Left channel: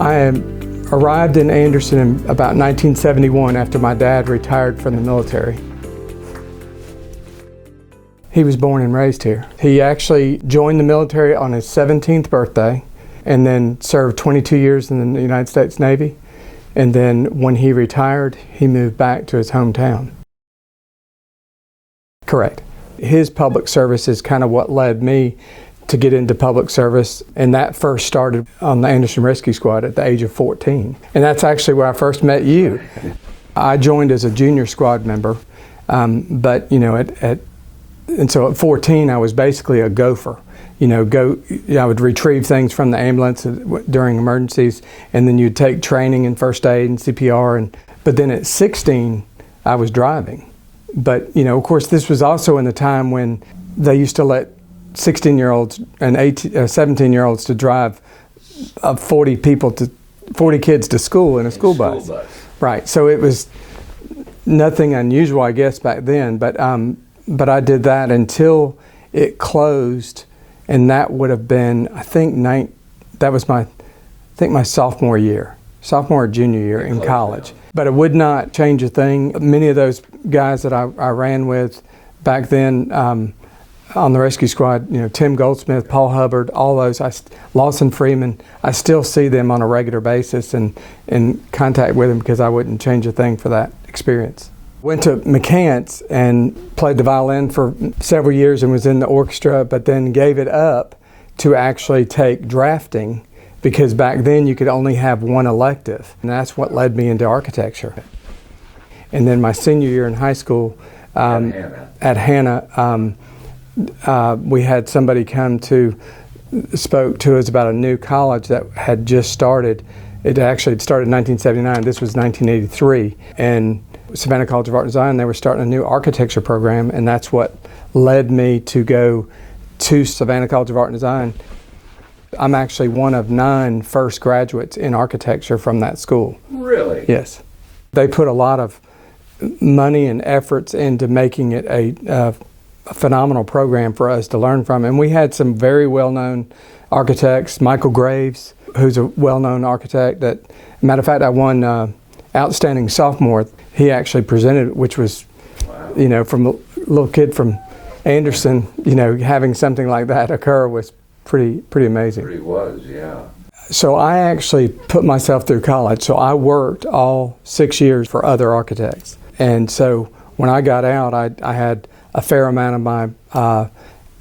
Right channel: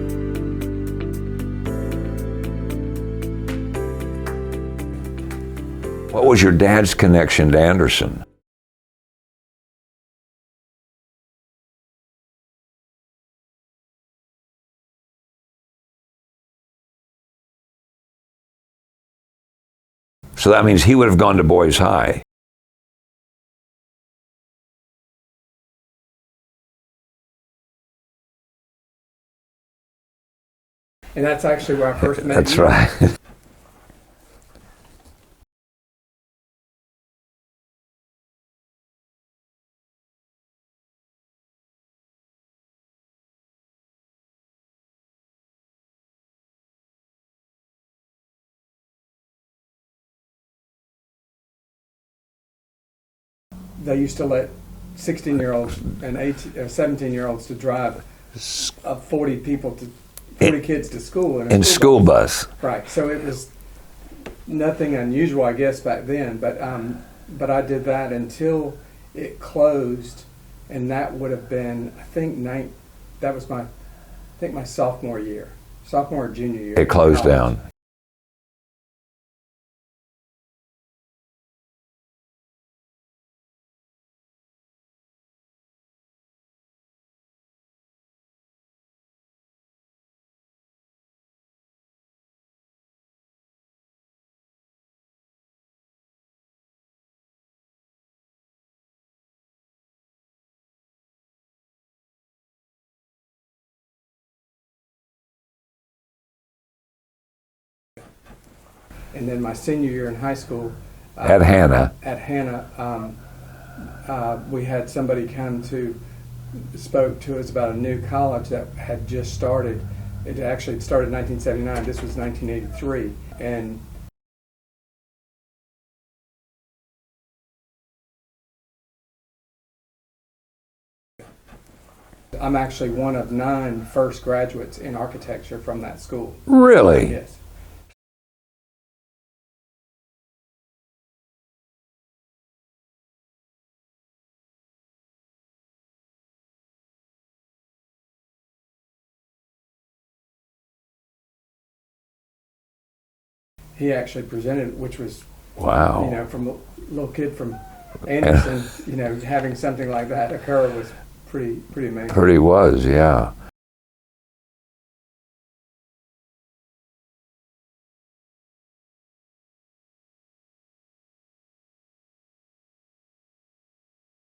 I arrived in Anderson in about 1971 after my dad retired from the military. What was your dad's connection to Anderson? He was born and raised here. He actually joined the military on his 17th birthday and then served 22 years in the United States Navy. And then when he retired, he moved back to his hometown. So that means he would have gone to Boys High. Correct. His public service is kind of what led me to get into public service, and that first started on the Anderson Rescue Squad at the age of 14. And that's actually where I first met you. That's right. I joined as a junior squad member, but and so at 14 I was basically a gopher. I would retrieve things from the ambulance during emergencies, and then you'd take training in first aid and CPR. But then at 16, I was driving. But, of course, this was also in the time when they used to let 16-year-olds and 17-year-olds to drive 40 kids to school in a school bus. Right. So it was nothing unusual, I guess, back then. But I did that until it closed. And that would have been, I think my sophomore or junior year in college. It closed down. But it would not change a thing. Many of those guys that I ran with back then on the rescue squad, Tim Goldsmith, Paul Hubbard, all those, Lawson Freeman, I still see them on a regular basis and in contact with them because I wouldn't change a thing for that experience. Went to McCants and played the violin for several years and was in the orchestra, but then gave it up to actually take drafting because back then you could only have one elective, and that's what led me into architecture. And then my senior year in high school, at Hannah, we had somebody spoke to us about a new college that had just started. It actually had started in 1979. This was 1983, and Savannah College of Art and Design, they were starting a new architecture program, and that's what led me to go to Savannah College of Art and Design. I'm actually one of 9 first graduates in architecture from that school. Really? Yes. They put a lot of money and efforts into making it a phenomenal program for us to learn from, and we had some very well-known architects. Michael Graves, who's a well-known architect. Matter of fact, I won Outstanding Sophomore. He actually presented it, which was, wow. From a little kid from Anderson, having something like that occur was pretty amazing. Pretty was, yeah. So I actually put myself through college. So I worked all 6 years for other architects. And so when I got out, I had a fair amount of my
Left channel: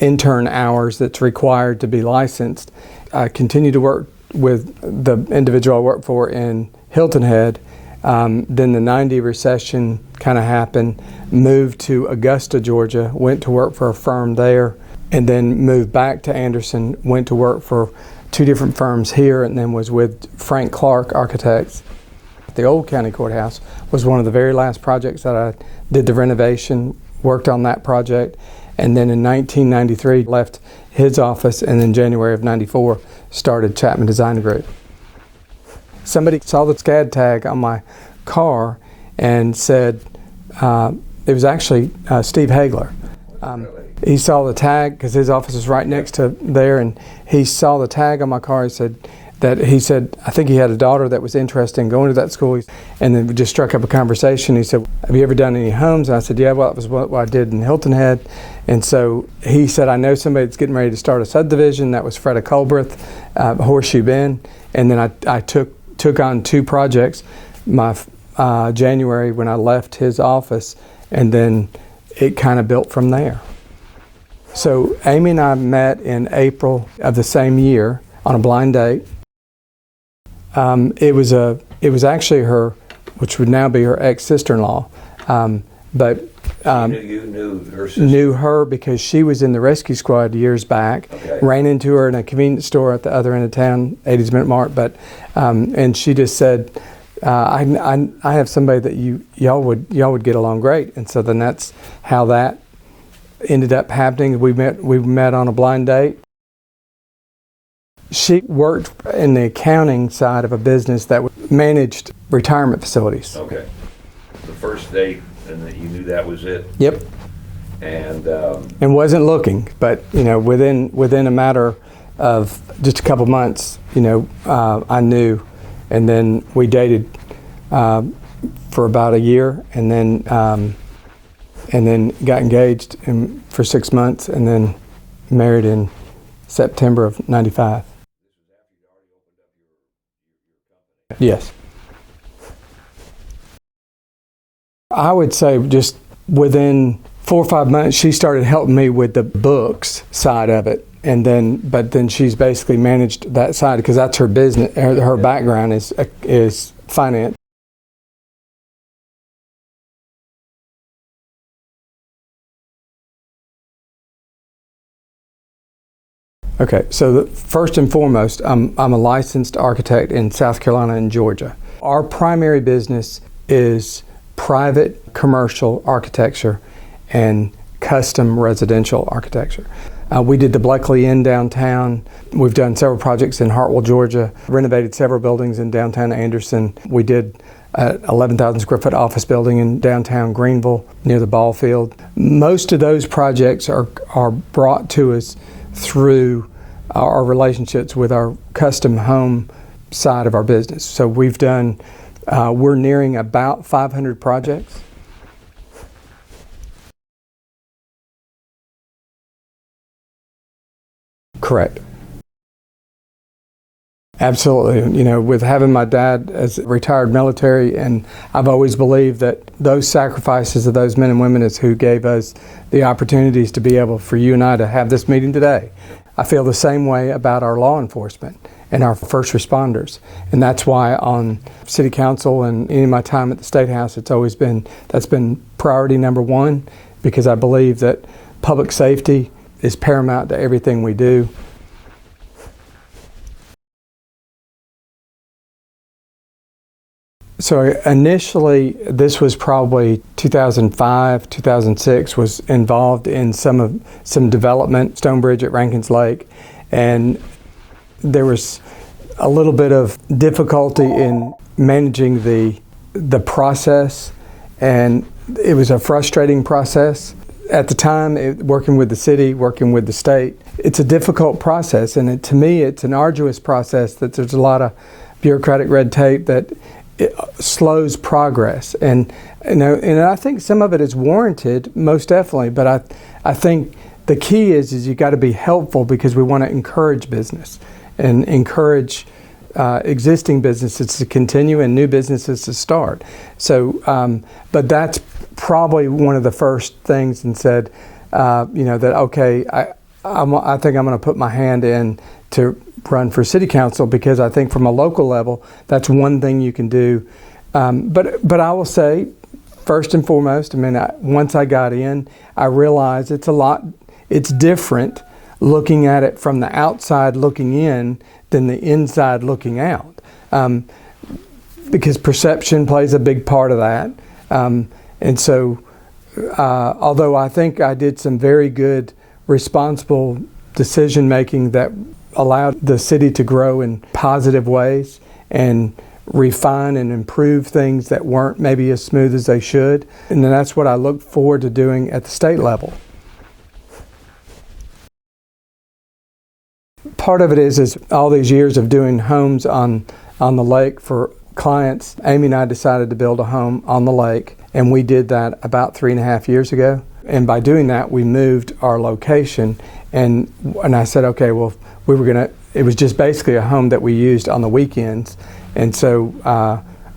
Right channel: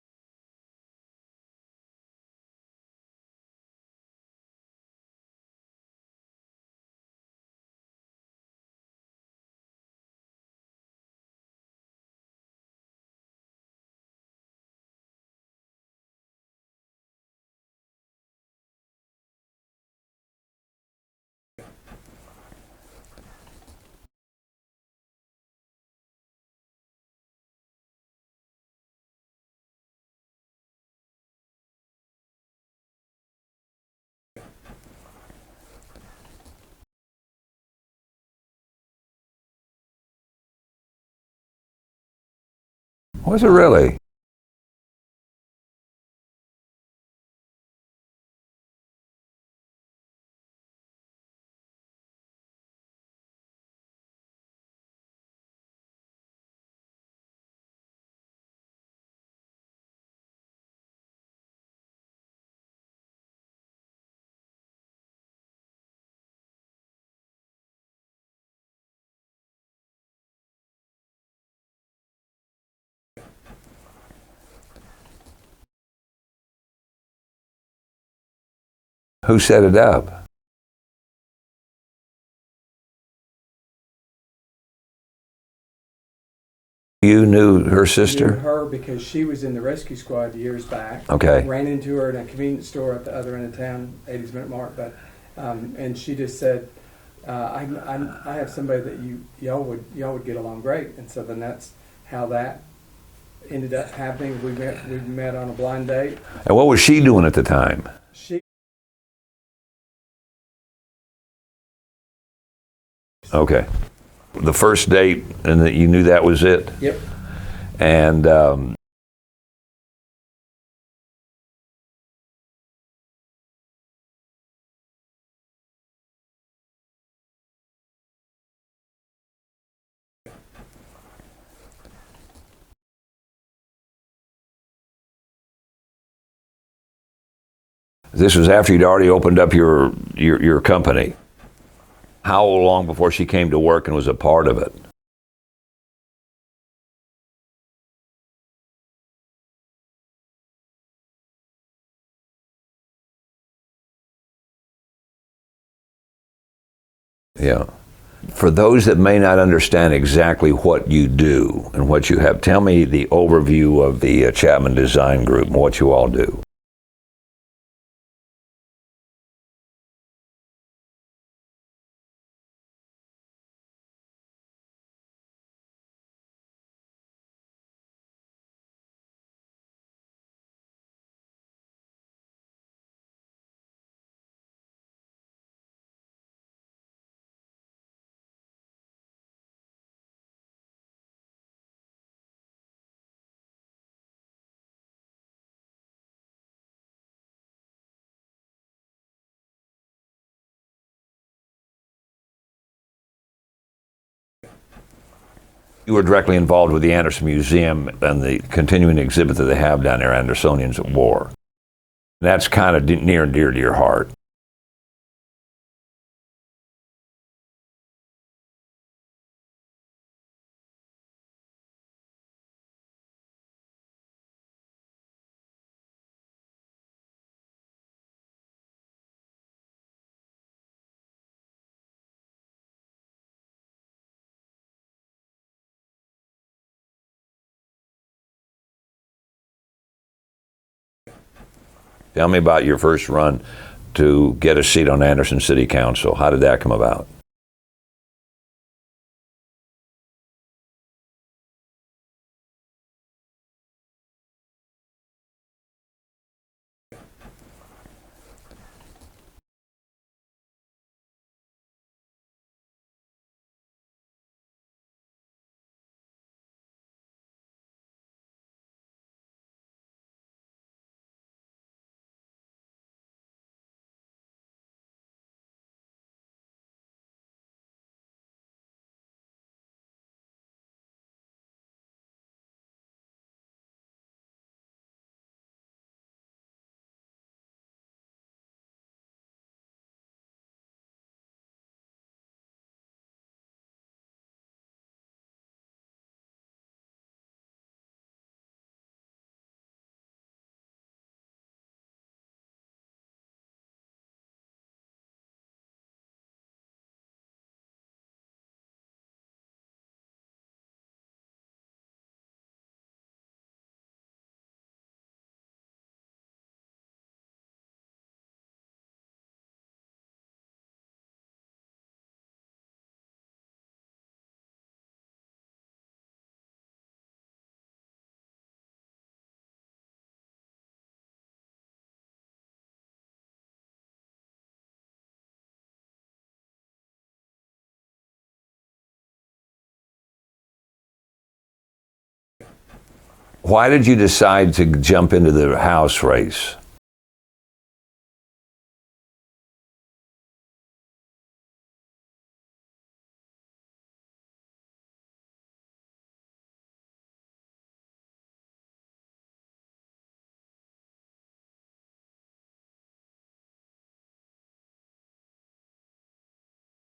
intern hours that's required to be licensed. I continued to work with the individual I worked for in Hilton Head. Then the 90 recession kind of happened, moved to Augusta, Georgia, went to work for a firm there, and then moved back to Anderson, went to work for 2 different firms here, and then was with Frank Clark Architects. The old county courthouse was one of the very last projects that I did the renovation, worked on that project, and then in 1993 left his office, and in January of 94 started Chapman Design Group. Somebody saw the SCAD tag on my car and said, it was actually Steve Hagler. Was it really? He saw the tag because his office is right next to there, and he saw the tag on my car. He said, I think he had a daughter that was interested in going to that school, and then we just struck up a conversation. He said, have you ever done any homes? And I said, yeah, well, that was what I did in Hilton Head. And so he said, I know somebody that's getting ready to start a subdivision. That was Freda Colbreth, Horseshoe Bend. And then I took on 2 projects, my January when I left his office, and then it kind of built from there. So Amy and I met in April of the same year on a blind date. Who set it up? It was actually her, which would now be her ex-sister-in-law, but you knew her sister? Knew her because she was in the rescue squad years back. Okay. Ran into her in a convenience store at the other end of town, 80's Minute Mark, and she just said, I have somebody that y'all would get along great, and so then that's how that ended up happening. We met on a blind date. And what was she doing at the time? She worked in the accounting side of a business that managed retirement facilities. Okay. The first date, and that you knew that was it? Yep. And wasn't looking, but within a matter of just a couple months, I knew, and then we dated for about a year, and then got engaged for 6 months, and then married in September of '95. This was after you'd already opened up your company. Yes. How long before she came to work and was a part of it? I would say just within 4 or 5 months, she started helping me with the books side of it, but then she's basically managed that side because that's her business. Her background is finance. Yeah. For those that may not understand exactly what you do and what you have, tell me the overview of the Chapman Design Group and what you all do. Okay, so first and foremost, I'm a licensed architect in South Carolina and Georgia. Our primary business is private commercial architecture and custom residential architecture. We did the Bleckley Inn downtown. We've done several projects in Hartwell, Georgia, renovated several buildings in downtown Anderson. We did 11,000 square foot office building in downtown Greenville near the ball field. Most of those projects are brought to us through our relationships with our custom home side of our business. So we're nearing about 500 projects. You were directly involved with the Anderson Museum and the continuing exhibit that they have down there, Andersonians at War. Correct. That's kind of near and dear to your heart. Absolutely. With having my dad as retired military, and I've always believed that those sacrifices of those men and women is who gave us the opportunities to be able for you and I to have this meeting today. I feel the same way about our law enforcement and our first responders. And that's why on City Council and any of my time at the State House, that's been priority number one, because I believe that public safety is paramount to everything we do. Tell me about your first run to get a seat on Anderson City Council. How did that come about? So initially, this was probably 2005, 2006, was involved in some development, Stonebridge at Rankins Lake, and there was a little bit of difficulty in managing the process, and it was a frustrating process. At the time, working with the city, working with the state, it's a difficult process, and to me, it's an arduous process that there's a lot of bureaucratic red tape that it slows progress. And I think some of it is warranted, most definitely, but I think the key is you got to be helpful, because we want to encourage business and encourage existing businesses to continue and new businesses to start. So, but that's probably one of the first things, and said, that okay, I think I'm going to put my hand in to run for city council, because I think from a local level, that's one thing you can do. But I will say, first and foremost, once I got in, I realized it's different looking at it from the outside looking in than the inside looking out. Because perception plays a big part of that. And so, although I think I did some very good, responsible decision making that allowed the city to grow in positive ways and refine and improve things that weren't maybe as smooth as they should. And then that's what I look forward to doing at the state level. Why did you decide to jump into the House race? Part of it is all these years of doing homes on the lake for clients. Amy and I decided to build a home on the lake, and we did that about 3.5 years ago. And by doing that, we moved our location, and I said, okay, well, it was just basically a home that we used on the weekends. And so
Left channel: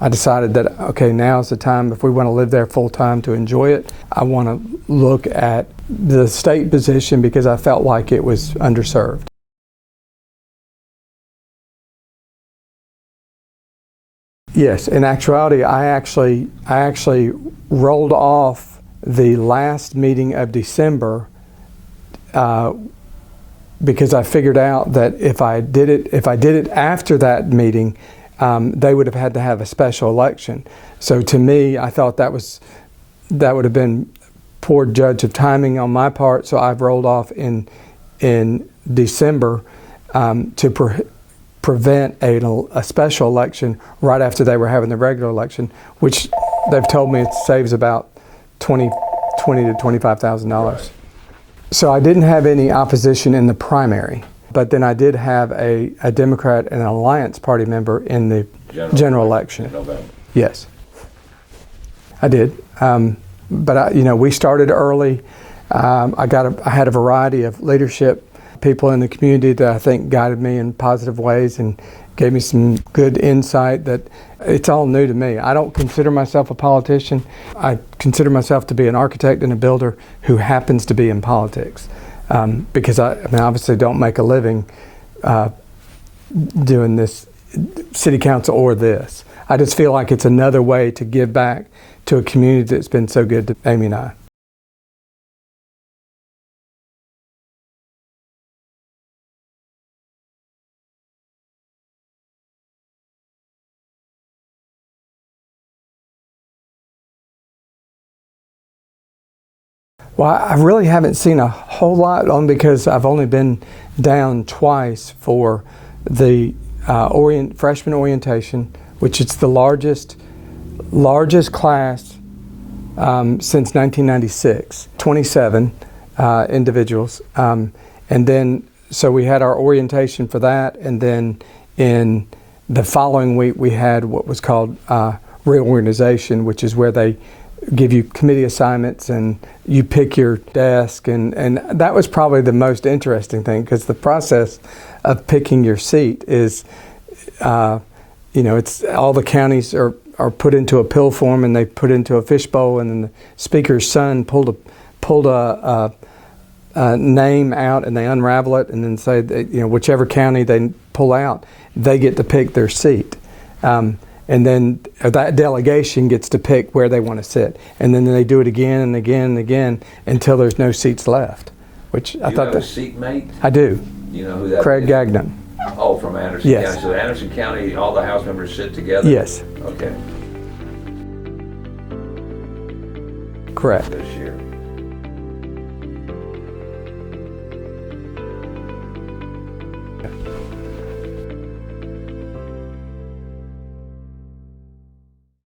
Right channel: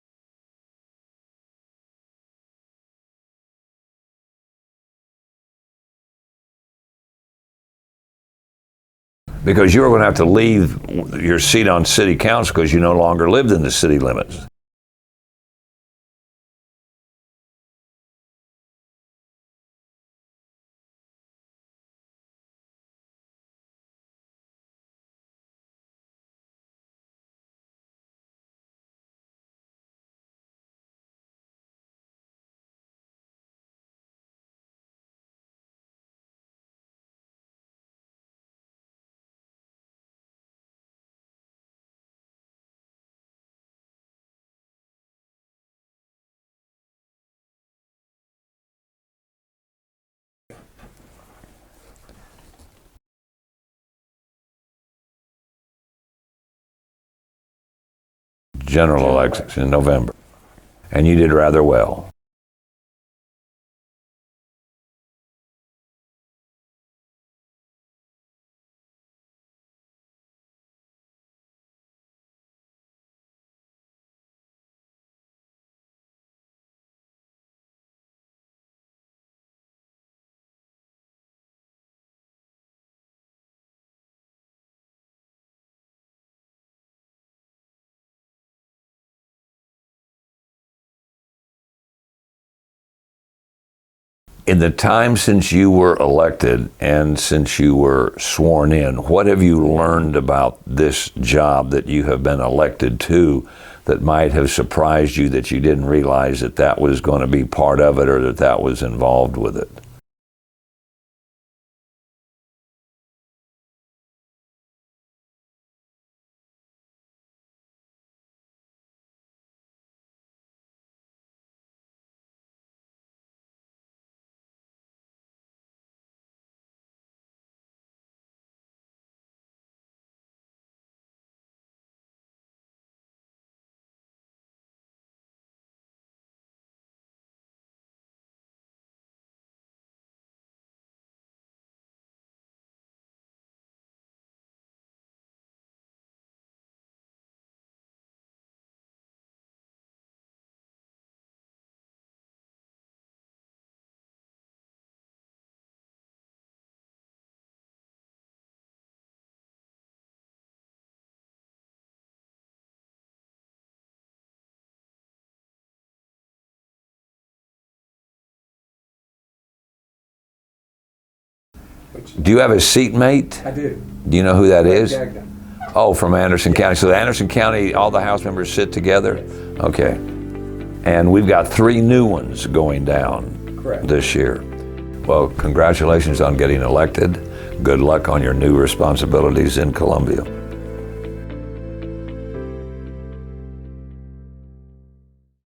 I decided that, okay, now's the time, if we want to live there full time to enjoy it, I want to look at the state position, because I felt like it was underserved. Because you were going to have to leave your seat on city council because you no longer lived in the city limits. Yes, in actuality, I actually rolled off the last meeting of December because I figured out that if I did it after that meeting, they would have had to have a special election. So to me, I thought that would have been poor judge of timing on my part. So I've rolled off in December to prevent a special election right after they were having the regular election, which they've told me it saves about 20 $20,000 to $25,000. So I didn't have any opposition in the primary, but then I did have a Democrat and an Alliance Party member in the general election in November. Yes. And you did rather well. I did. But we started early. I had a variety of leadership people in the community that I think guided me in positive ways and gave me some good insight that it's all new to me. I don't consider myself a politician. I consider myself to be an architect and a builder who happens to be in politics. Because I obviously don't make a living doing this city council or this. I just feel like it's another way to give back to a community that's been so good to Amy and I. In the time since you were elected and since you were sworn in, what have you learned about this job that you have been elected to that might have surprised you that you didn't realize that was going to be part of it or that was involved with it? Well, I really haven't seen a whole lot on because I've only been down twice for the freshman orientation, which is the largest class since 1996, 27 individuals. And then, so we had our orientation for that, and then in the following week we had what was called reorganization, which is where they give you committee assignments and you pick your desk, and that was probably the most interesting thing because the process of picking your seat is, it's all the counties are put into a pill form and they put into a fishbowl, and then the speaker's son pulled a name out and they unravel it and then say that, whichever county they pull out, they get to pick their seat. And then that delegation gets to pick where they want to sit. And then they do it again and again and again until there's no seats left. Do you have a seatmate? I do. Do you know who that Craig is? Gagnon. Oh, from Anderson Yes. County. So Anderson County, all the House members sit together? Yes. Okay. And we've got 3 new ones going down Correct. this year. Well, congratulations on getting elected. Good luck on your new responsibilities in Columbia.